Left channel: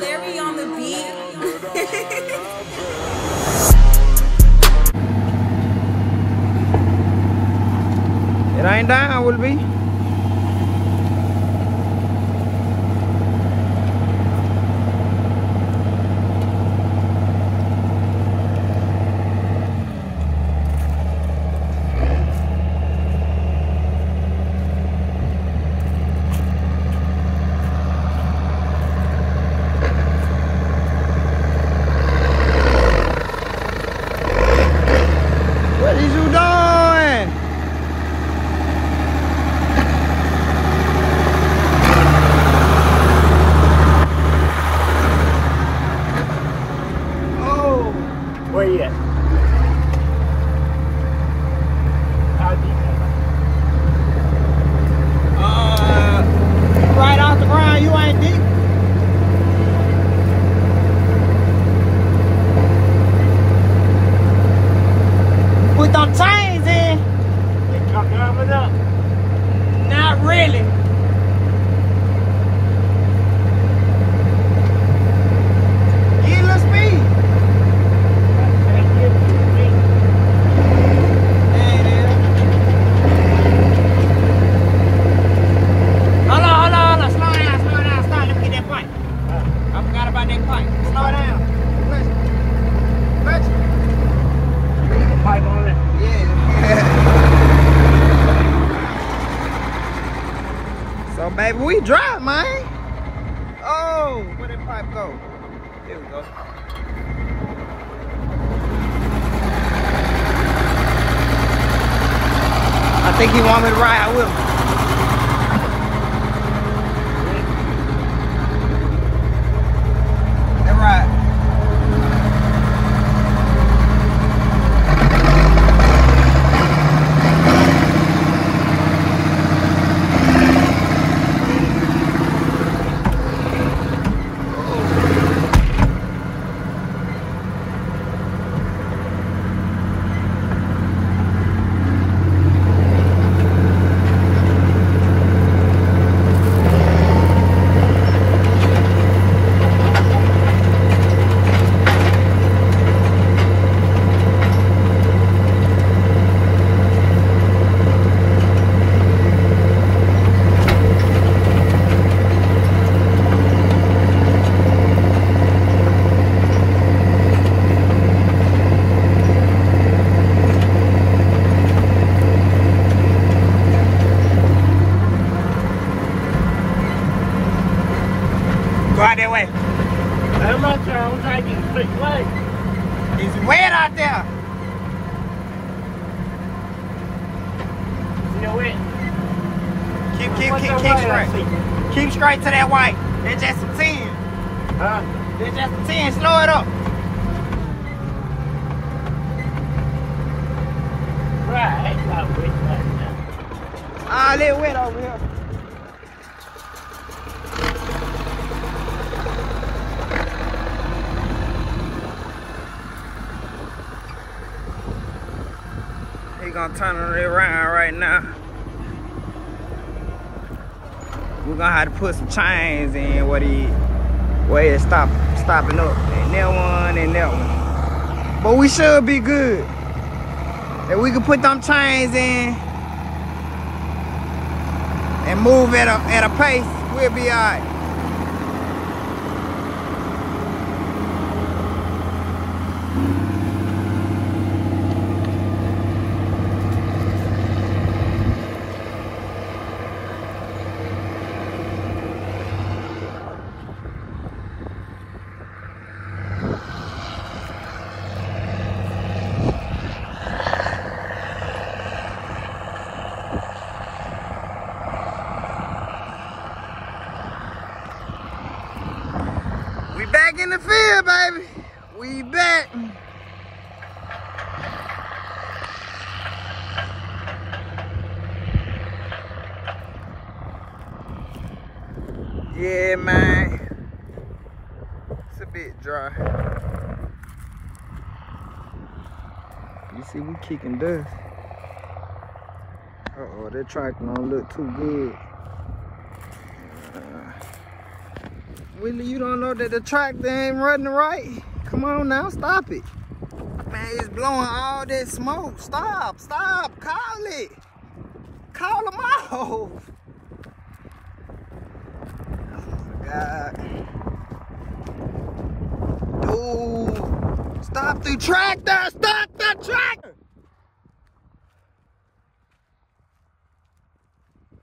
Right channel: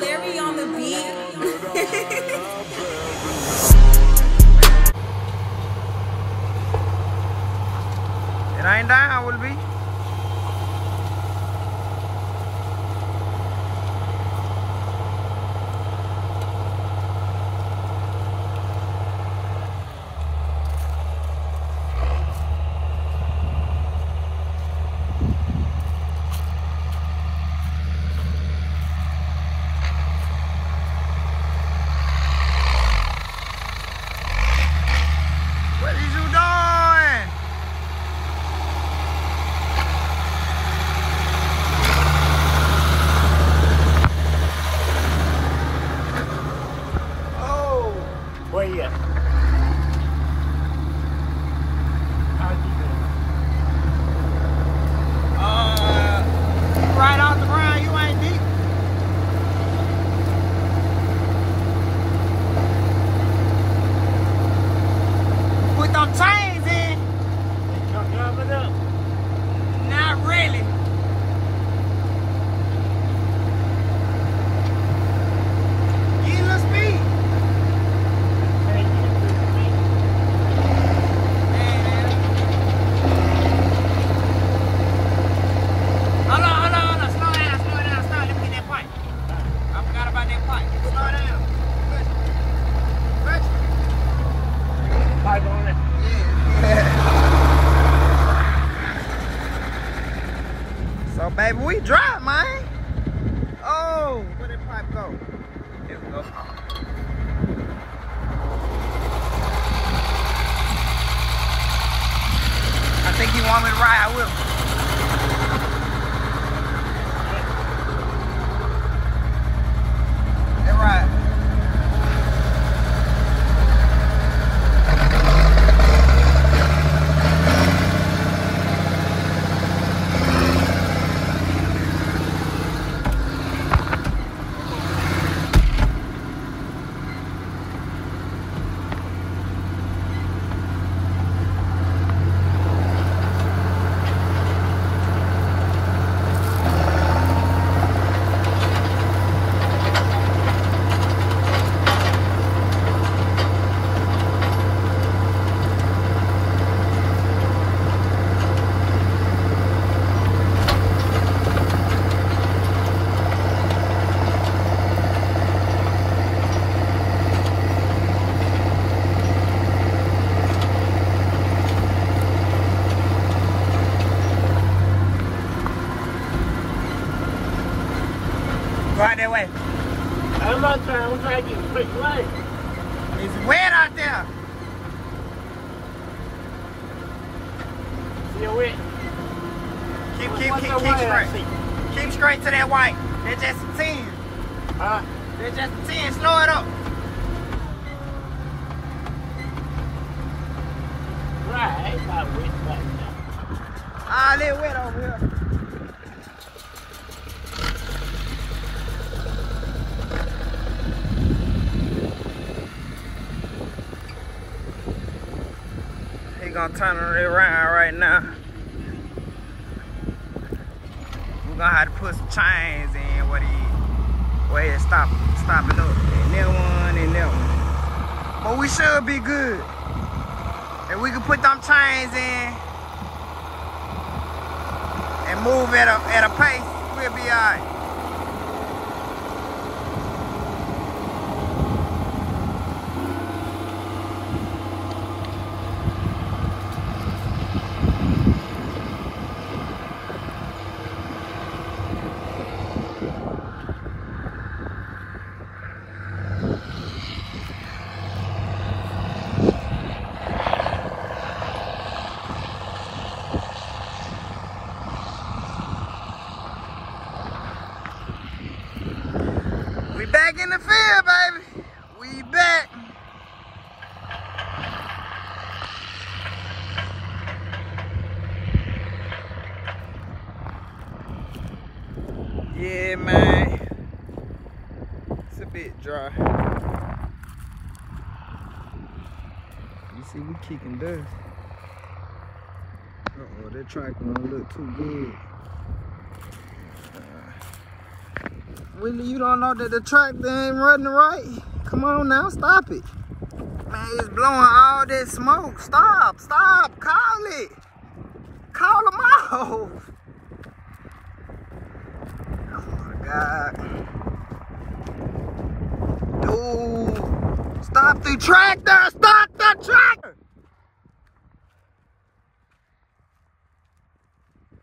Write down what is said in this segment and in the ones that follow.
Larry on the beat. It ain't down, will it be? Where you at? Right off the ground, you ain't deep. Put them chains in. You come driving up. Not really. Baby, we drive, man. Oh, where did pipe go? Here we go. I think he want me to ride with him. All right. It's wet out there. Still wet. Keep straight. Keep straight to that white. That's just a 10. Huh? That's just a 10. Slow it up. Right, ain't not wet right now. Ah, let it wet over here. Gonna turn it around right now. We're gonna have to put some chains in where it's stopping up. And that one and that one. But we should be good. If we can put them chains in and move at a pace, we'll be alright. In the field, baby. We back. Yeah, man. It's a bit dry. You see, we kicking dust. Uh-oh, that tractor don't look too good. Willie, you don't know that the tractor ain't running right? Come on now, stop it. Man, it's blowing all that smoke. Stop, call it. Call them off. Oh my God. Dude, stop the tractor, stop the tractor.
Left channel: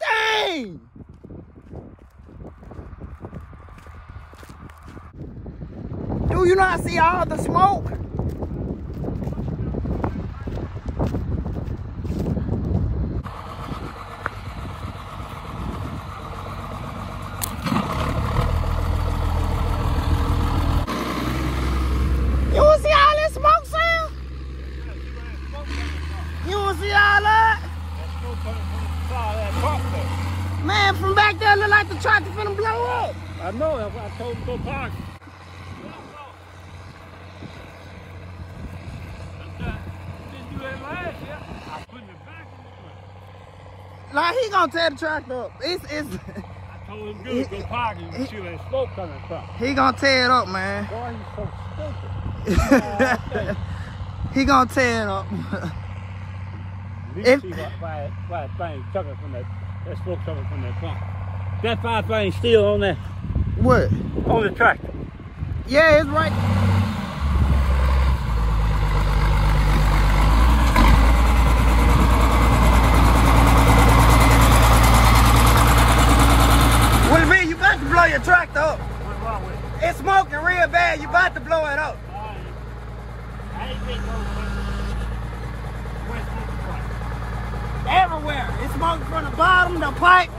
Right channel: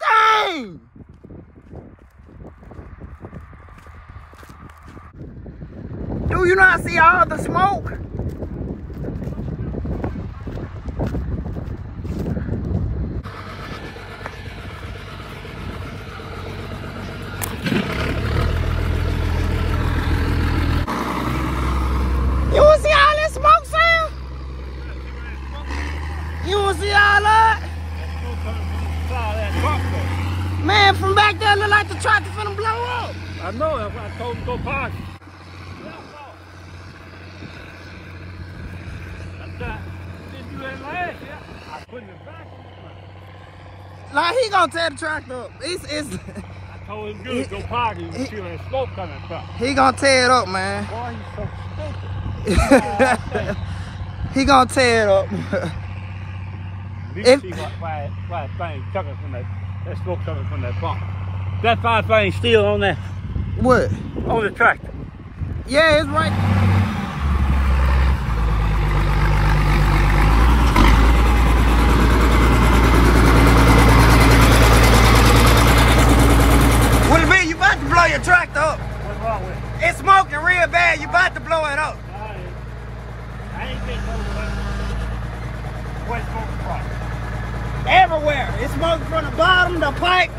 Dang. Do you not see all the smoke? You want to see all that smoke, Sam? You want to see all that? Man, from back there, look like the tractor finna blow up. I know, that's why I told him to go park. I put it back. Like, he gonna tear the tractor up. It's I told him good, go park it. You see where the smoke coming from. he gonna tear it up, man. Why you so stupid? He gonna tear it up. You see why thing coming from that smoke coming from that pump. That fire thing still on there. What? On the tractor. Yeah, it's right. Everywhere. It's smoking from the bottom, the pipe.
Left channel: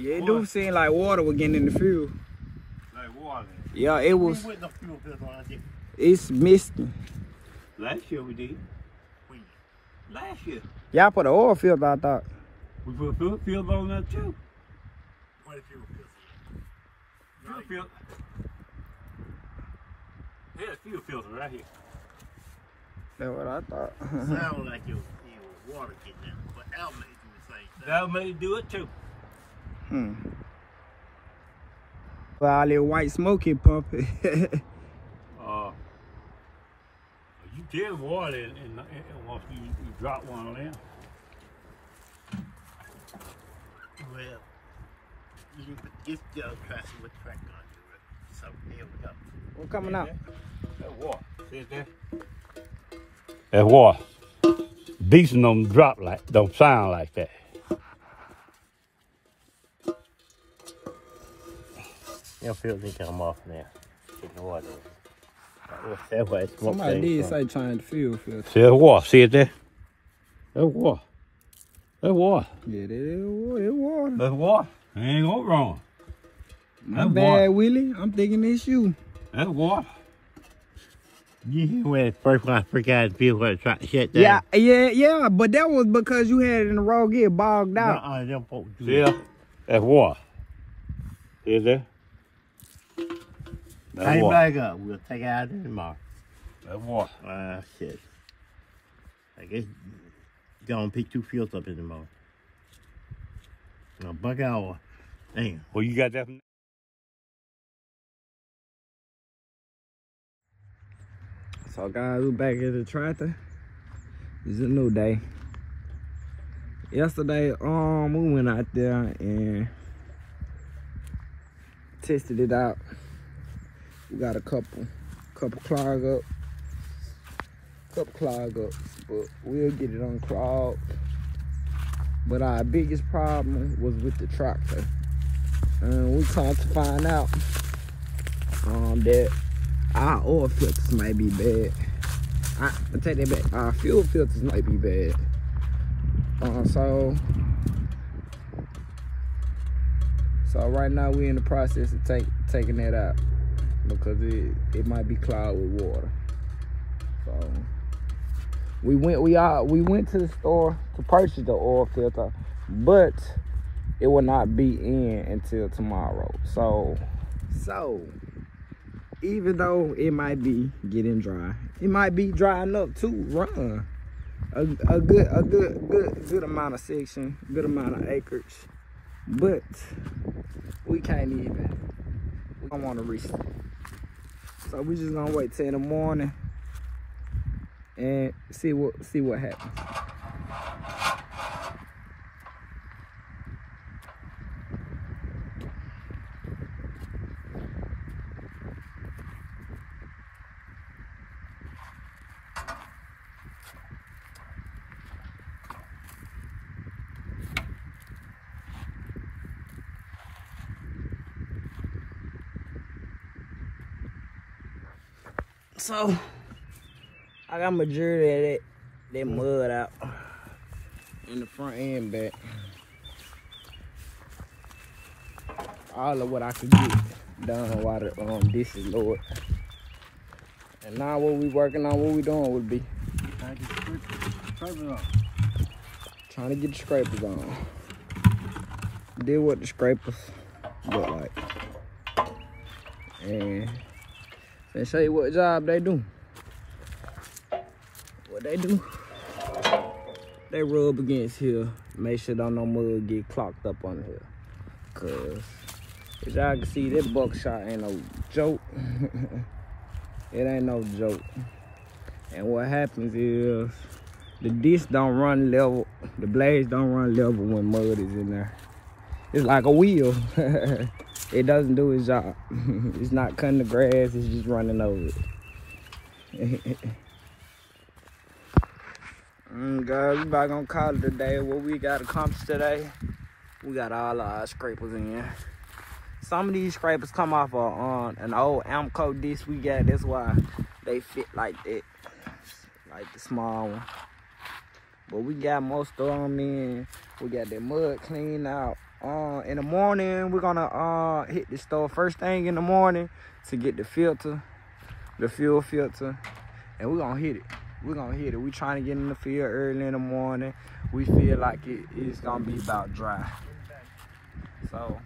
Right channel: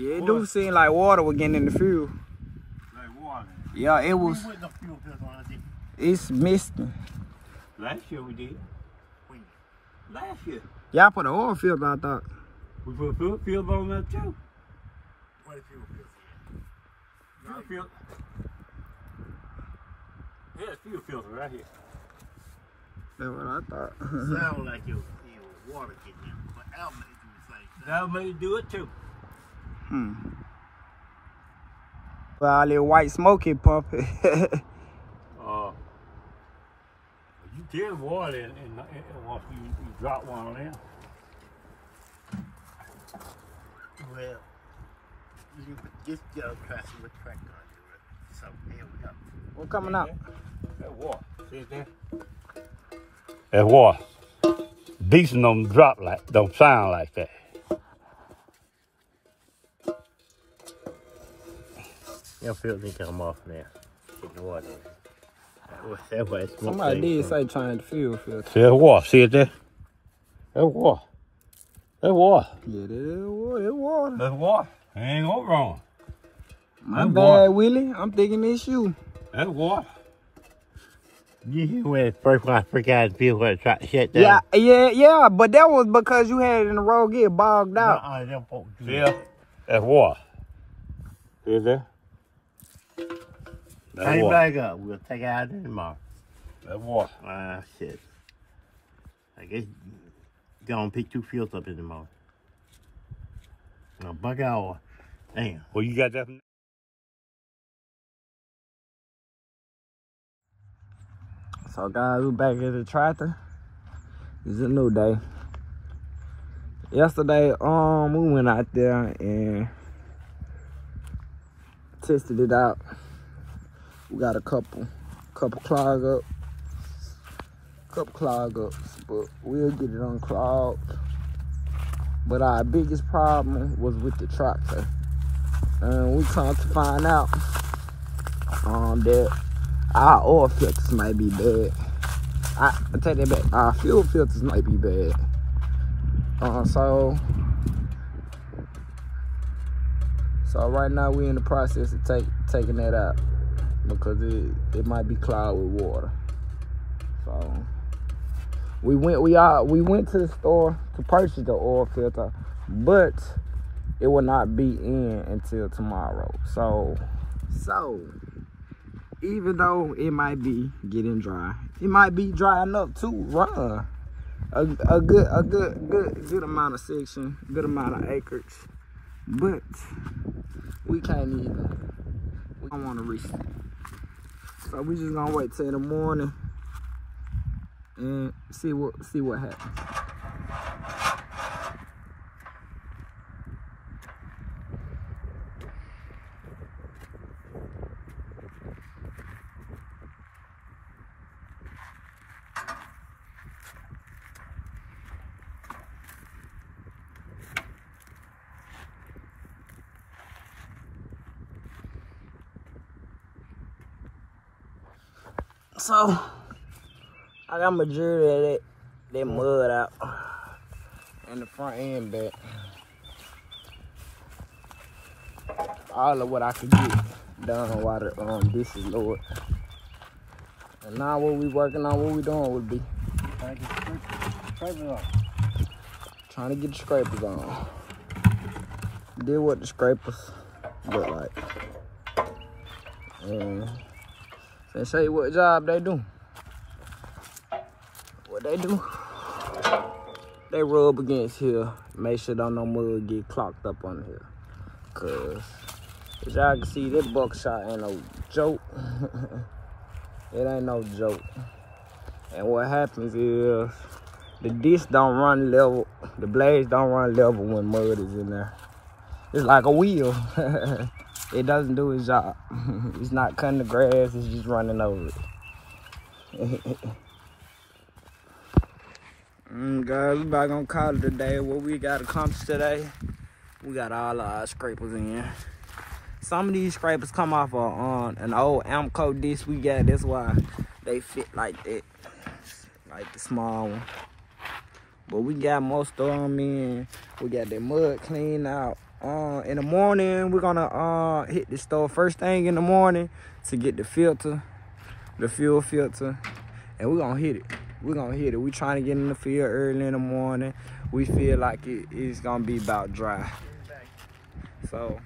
Yeah, it do seem like water was getting in the fuel. Like water? Yeah, it was. It's misting. Last year we did. Last year. Y'all put an oil filter, I thought. We put a fuel filter on that too. What a fuel filter? Fuel filter. There's a fuel filter right here. That's what I thought. Sound like your water kicked in, but that'll make it do the same thing. That'll make it do it too. Well, all that white smoke he pumping. You tell water and once you drop one on there. Well, you put this yellow tractor with tractor on you. So here we go. What's coming out? That water. See it there? That water. Decent don't drop like, don't sound like that. Your filter come off now. Get the water. That way it's Somebody did say change the fuel filter. See that water? See it there? That water. That water. Yeah, that water. That water. That's water. I ain't go wrong. My bad, Willie. I'm thinking it's you. That water. You hear when the first one I forgot to feel where it tried to shut down? Yeah, but that was because you had it in the road get bogged out. Them folks do See that? That's water. See it there? Take it back up. We'll take it out there tomorrow. That water. Shit. I guess go and pick 2 fields up in the morning. Buck out. Damn. Well, you got that from... So guys, we're back at the tractor. It's a new day. Yesterday, we went out there and tested it out. We got a couple clog ups, but we'll get it unclogged. But our biggest problem was with the tractor. We come to find out that our oil filters might be bad. I take that back. Our fuel filters might be bad. So So right now we in the process of taking that out because it might be clogged with water. So we went to the store to purchase the oil filter, but it will not be in until tomorrow. So even though it might be getting dry, it might be dry enough to run a good amount of section, good amount of acreage, but we don't want to risk it. So we just gonna wait till in the morning and see what happens. So I got majority of that mud out and the front end back. All of what I could get done while the dish is lowered. And now what we working on, what we doing would be Trying to get the scrapers on. trying to get the scrapers on. Did what the scrapers look like. And they show you what job they do. What they do, they rub against here, make sure don't no mud get clogged up on here. Cause as y'all can see, that buckshot ain't no joke. It ain't no joke. And what happens is the disc don't run level, the blades don't run level when mud is in there. It's like a wheel. It doesn't do its job. It's not cutting the grass, it's just running over it. Guys, we about gonna call it a day. What we got accomplished today, we got all our scrapers in. Some of these scrapers come off an old Amco disc we got. That's why they fit like that, like the small one. But we got most of them in. We got that mud cleaned out. In the morning, we're gonna hit the store first thing in the morning to get the filter, the fuel filter, and we're gonna hit it. We're gonna hit it. We trying to get in the field early in the morning. We feel like it's gonna be about dry. So